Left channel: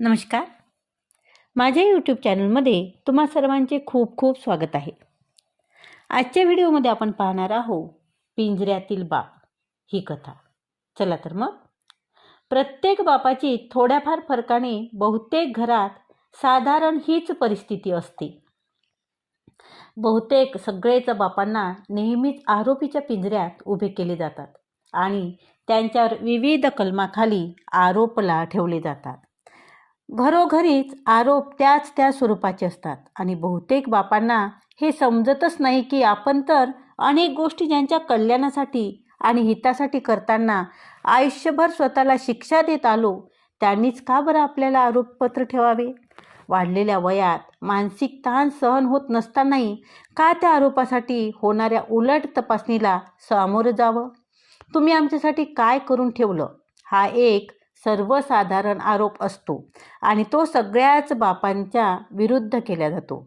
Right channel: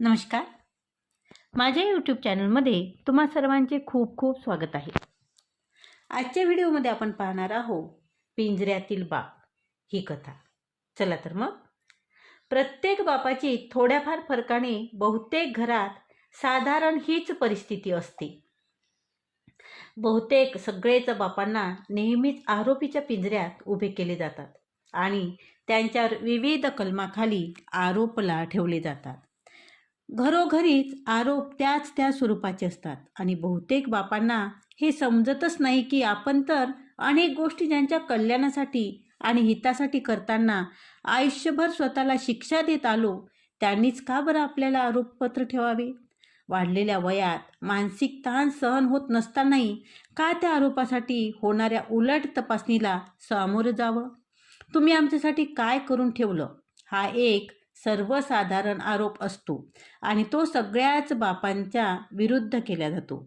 नमस्कार. माझ्या यूट्यूब चॅनलमध्ये तुम्हा सर्वांचे खूप खूप स्वागत आहे. आजच्या व्हिडिओमध्ये आपण पाहणार आहोत पिंजऱ्यातील बाप ही कथा. चला तर मग. प्रत्येक बापाची थोड्याफार फरकाने बहुतेक घरात साधारण हीच परिस्थिती असते. बहुतेक सगळेच बापांना नेहमीच आरोपीच्या पिंजऱ्यात उभे केले जातात आणि त्यांच्यावर विविध कलमाखाली आरोपला ठेवले जातात. घरोघरीच आरोप त्याच त्या स्वरूपाचे असतात. आणि बहुतेक बापांना हे समजतच नाही की आपण तर अनेक गोष्टी ज्यांच्या कल्याणासाठी आणि हितासाठी करताना आयुष्यभर स्वतःला शिक्षा देत आलो त्यांनीच का बरं आपल्याला आरोपपत्र ठेवावे? वाढलेल्या वयात मानसिक ताण सहन होत नसतानाही का त्या आरोपासाठी होणाऱ्या उलट तपासणीला सामोरं जावं? तुम्ही आमच्यासाठी काय करून ठेवलं? हा एक सर्वसाधारण आरोप असतो आणि तो सगळ्याच बापांच्या विरुद्ध केला जातो.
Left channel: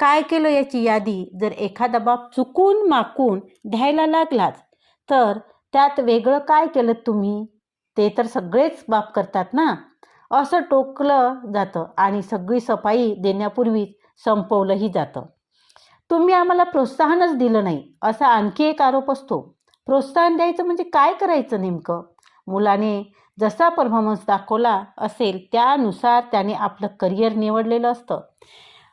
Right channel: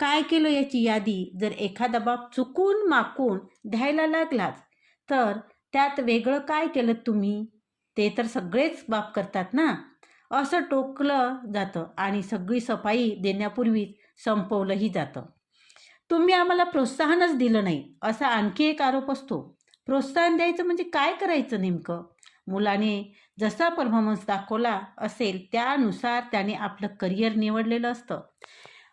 काय केलं याची यादी जर एखादा बाप चुकून माकून द्यायला लागलाच तर त्यात वेगळं काय केलं तुम्ही? ते तर सगळेच बाप करतात ना? असं टोकलं जातं आणि सगळी सफाई देण्यापूर्वीच संपवलंही जातं. तुम्ही आम्हाला प्रोत्साहनच दिलं नाही असा आणखी एक आरोप असतो. प्रोत्साहन द्यायचं म्हणजे काय करायचं नेमकं? मुलाने जसा परफॉर्मन्स दाखवला असेल त्यानुसार त्याने आपलं करिअर निवडलेलं असतं.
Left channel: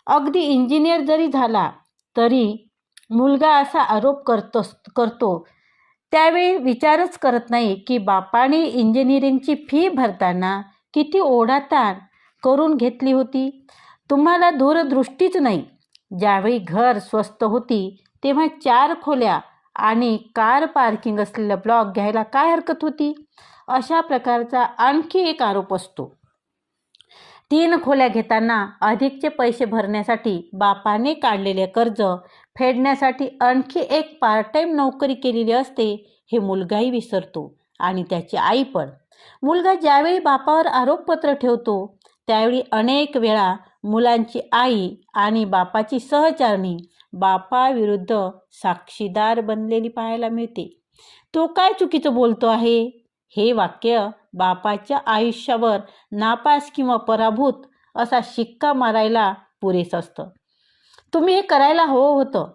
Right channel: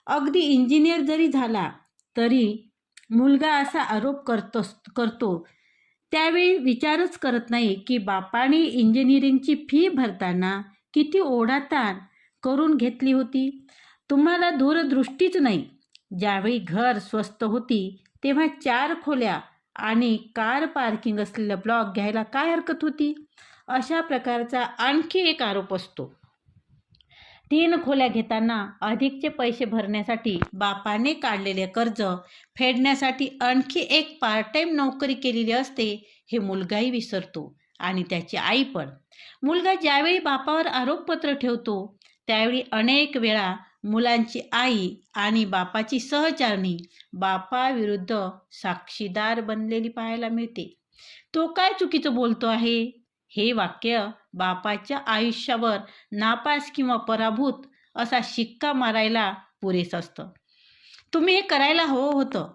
अगदी इंजिनियर जरी झाला तरी मुलगा असा आरोप करतो करतो. त्यावेळी विचारच करत नाही की बापाने इंजिनिअरिंगची फी भरताना किती ओढाताण करून घेतली होती? तुम्हाला दूरदृष्टीच नाही. ज्यावेळी घर स्वस्त होती तेव्हा चार खोल्या आणि कार पार्किंग असलेला ब्लॉक घ्यायला काय हरकत होती? अशा प्रकारचा आणखी एक आरोप असतो. तीन खोल्या घेताना अधिकचे पैसे भरण्यासाठी बापाने काढलेले कर्ज फेडण्यासाठी आणखी एक पार्ट टाईम नोकरी केलेली असते हे मुलगाही विसरतो आणि त्याची आई पण. मुलगा ज्यावेळी बापावर आरोपपत्र ठेवतो त्यावेळी अनेक वेळा मुलांची आई आणि बापाची सहचारणी बापाविरुद्ध साक्षीदार बनलेली पाहायला मिळते. तो काय चुकीचं बोलतो आहे? हे वाक्य बापाच्या आयुष्यावर नापास किंवा पराभूत असा शिक्का मारायला पुरेसं असतं. तुम्ही हे करायला हवं होतं.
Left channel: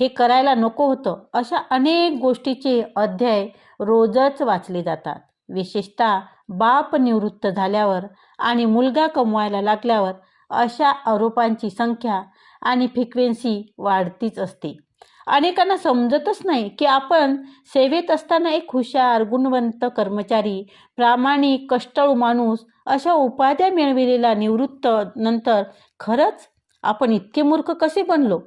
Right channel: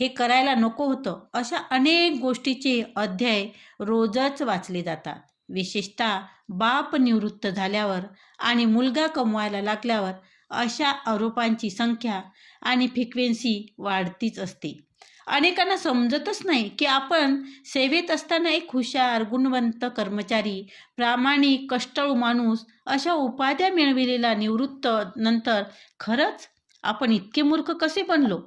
हे करायला नको होतं अशा अनेक गोष्टीचे अध्याय रोजच वाचले जातात. विशेषतः बाप निवृत्त झाल्यावर आणि मुलगा कमवायला लागल्यावर अशा आरोपांची संख्या आणि फ्रिक्वेन्सी वाढतीच असते. अनेकांना समजतच नाही की आपण सेवेत असताना एक हुशार गुणवंत कर्मचारी प्रामाणिक कष्टाळू माणूस अशा उपाध्या मिळविलेला निवृत्त नंतर खरंच आपण इतके मूर्ख कसे बनलो?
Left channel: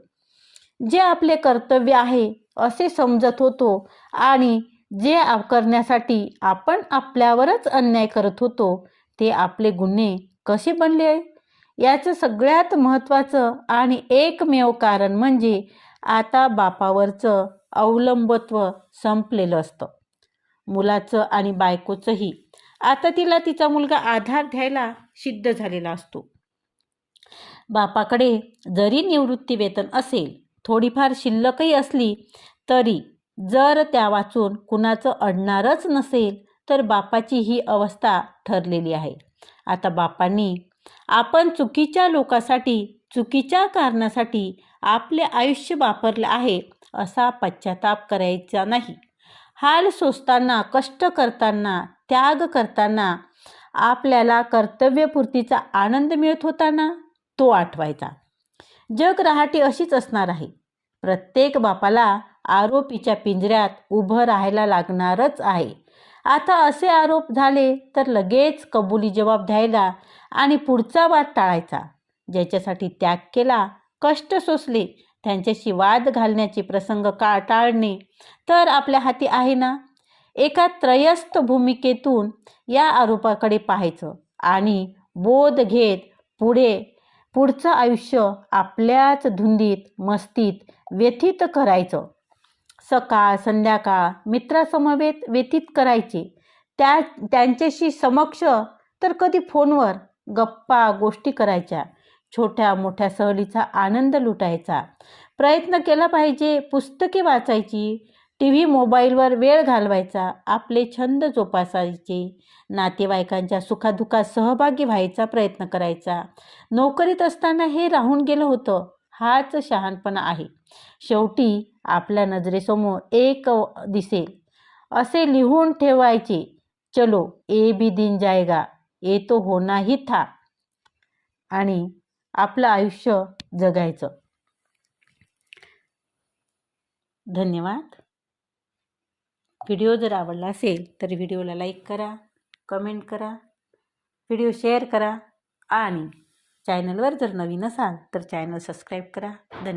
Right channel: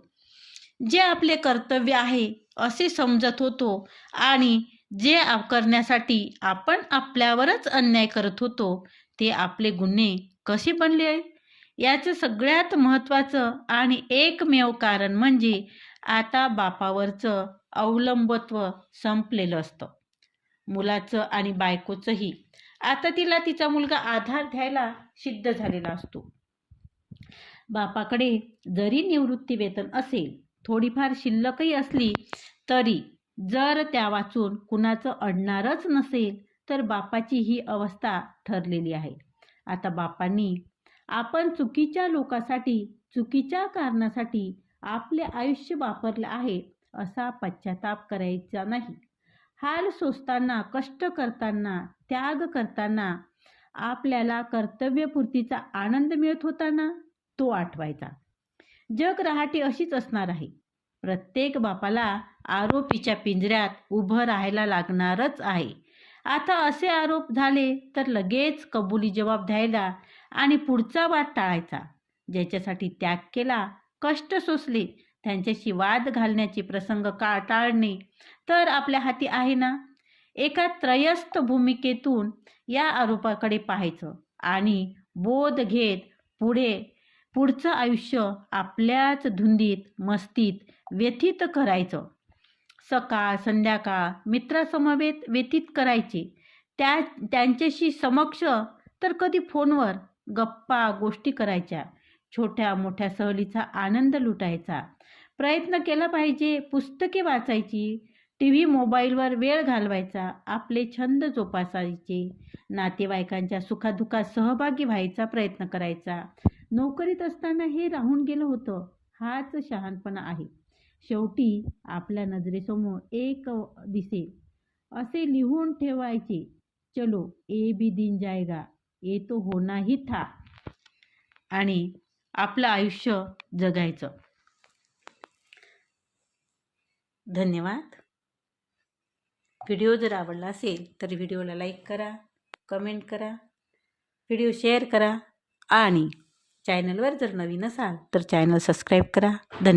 जे आपले कर्तव्य आहे असे समजत होतो आणि जे करण्यासाठी आपण आपल्यावरच अन्याय करत होतो ते आपले गुन्हे कसे बनले? याचं सगळ्यात महत्त्वाचं आणि एकमेव कारण म्हणजे आता बापावरचं अवलंबत्व संपलेलं असतं. मुलाचं आणि बायकोचंही. आता तिला तिचा मुलगा आधार द्यायला सिद्ध झालेला असतो. बापाकडे जरी निवृत्ती वेतन असेल थोडीफार शिल्लकही असली तरी जर त्या वाचून कुणाचं अडणारच नसेल तर बापाची ही अवस्था ठरलेली आहे. आता बापांनी आपण चुकीच्या लोकासाठी चुकीच्या कारणासाठी आपले आयुष्य वापरले आहे असा पश्चाताप करायचा नाही. हाल सोसताना कष्ट करताना त्याग करताना आपल्याला कर्तव्यपूर्तीचा आनंद मिळत होता ना तो आठवायचा. जग रहाटी अशीच असणार आहे. प्रत्येक बापाला आरोपीच्या पिंजऱ्यात उभं राहायला लागणारच आहे. आता असे आरोप झाले तर लगेच कबुली जबाब द्यायला आणि पुढचा वाद टाळायचा. ज्याच्यासाठी त्याग केला कष्ट सोसले. त्यांच्याशी वाद घालण्याचे प्रसंग का टाळणे तर आपल्या हाती आहे ना? एका त्रयस्थ भूमिकेतून या आरोपाकडे पाहायचं आणि बोध घेत पुढे पुढचं आयुष्य आपल्याच धुंदीत मस्तीत व्यथित करायचं. सकाळ संध्याकाळ मित्रासमवेत व्यतीत करायचे. त्या त्यांच्याशी समक्ष तर कधी फोनवर गप्पा गोष्टी करायच्या. छोट्या मोठ्या सहलीचा आनंद लुटायचा. प्रयत्न केला पाहिजे पुस्तके वाचायची टी व्ही मोबाईलवर वेळ घालवायचा आपले छंद जोपासायचे नातेवाईकांच्या सुखादुखात सहभागी व्हायचा प्रयत्न करायचा. नोकरीत असताना हे राहून गेलं होतं हाच शहाणपणा आहे. शेवटी आपल्या नजरेसमोर एक दिसेल. असे लिहून ठेवायचे चलो ए बी दिन जाएगा ए तो होना ही था. आणि आपलं आयुष्य जगायचं. धन्यवाद. व्हिडिओ जर आवडला असेल तर व्हिडिओला लाईक करा कमेंट करा व्हिडिओ शेअर करा आणि चॅनलवर जर नवीन असाल तर चॅनल सबस्क्राईब करा. धन्यवाद.